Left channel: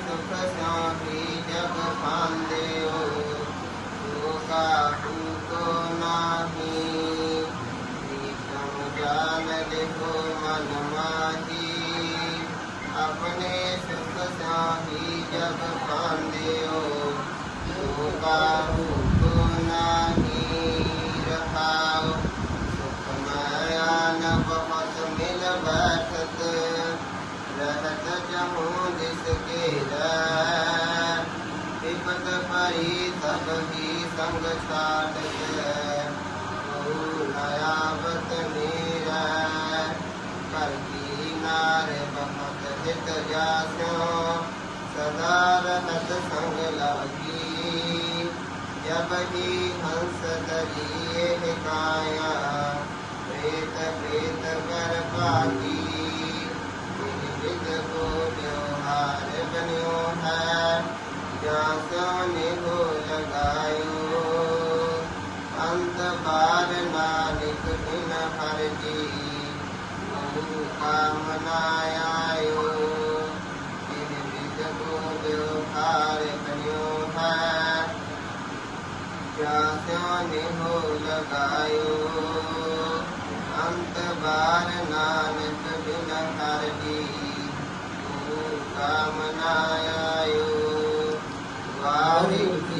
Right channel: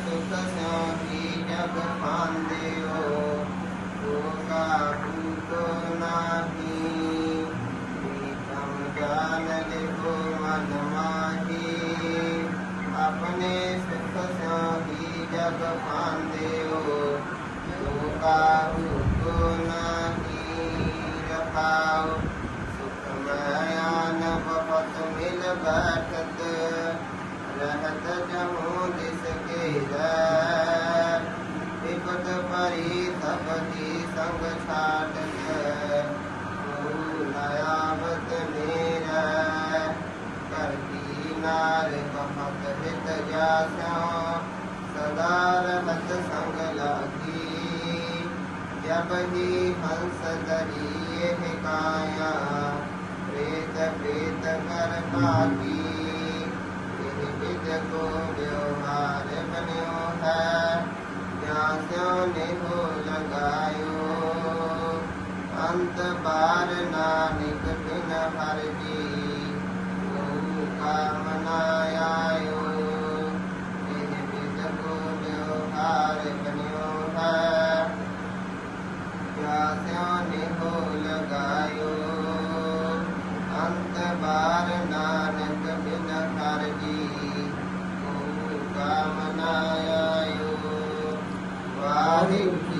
सुख स्योही भी जब तो काबू को नाही प्रीतम जान लिखो मन माही अपने सुख जब जग हो तो काबू विपद परी संग छाटत। नयावत मेरा कर नार बहुत हित सदा संग लगी जब ही हंस दरिए हिकाया प्रेत प्रेत कर पागी ਬਾਰ ਨਾਨਕ ਬਿਨ ਹਰ ਜੀ ਮੂਲ ਕਾਮਨਾ ਆਇਓ ਜਿਨ ਬਿਨ ਗੁਰੂ ਹਾਰ ਕਨਿਓ ਹੈ ਜਾਸਿਓ ਨੇ ਹੋ ਲਗਾਇਓ। ਅੰਤ ਬਾਰ ਨਾਨਕ ਬਿਨ ਹਰ ਜੀ ਮੂਲ ਕਾਮਨਾ ਆਇਓ ਵਾਹਿਗੁਰੂ